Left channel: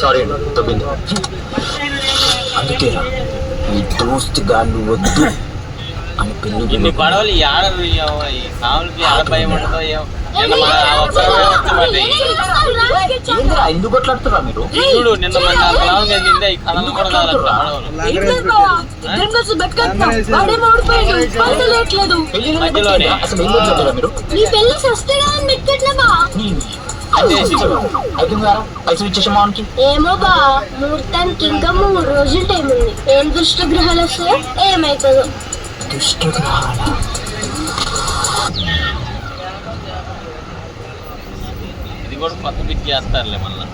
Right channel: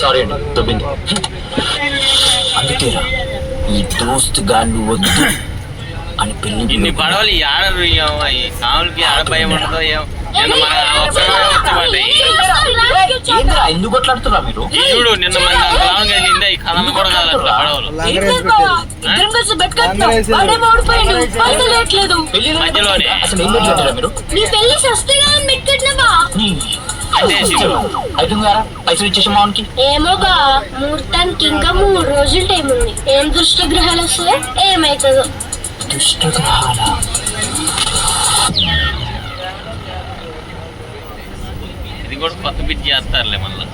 Sorry అండి దొబ్బింది. అందుకేరా ఈ దోస్త్ గాళ్ళు వద్దు అని పెళ్లి ఇన్ని పడవలు ఈ ఆడరు సాములకి ఆడ భయం ఉండదో ఏంద్రా ఎందుకు కొట్లాడుతున్నా మీరు? చూడు నిన్న మన వెళ్ళిందే ఈ కథం కూడా కాదు పడవలు మధ్యలోనే అసలు ఏం పెట్టలేదురా మీరు? అవుతుందారా పైసలు ఇచ్చేసి మానికి? ఏమో బా ముహూర్తానికి ఇంకా 3 రోజులు టైం ఉంది. ఏం దుష్టగ్రహాలు వస్తే ఏమైతుందో. దుష్టగ్రహాల ఇది కూడా కొత్త పిచ్చి చేస్తారులే మళ్ళా.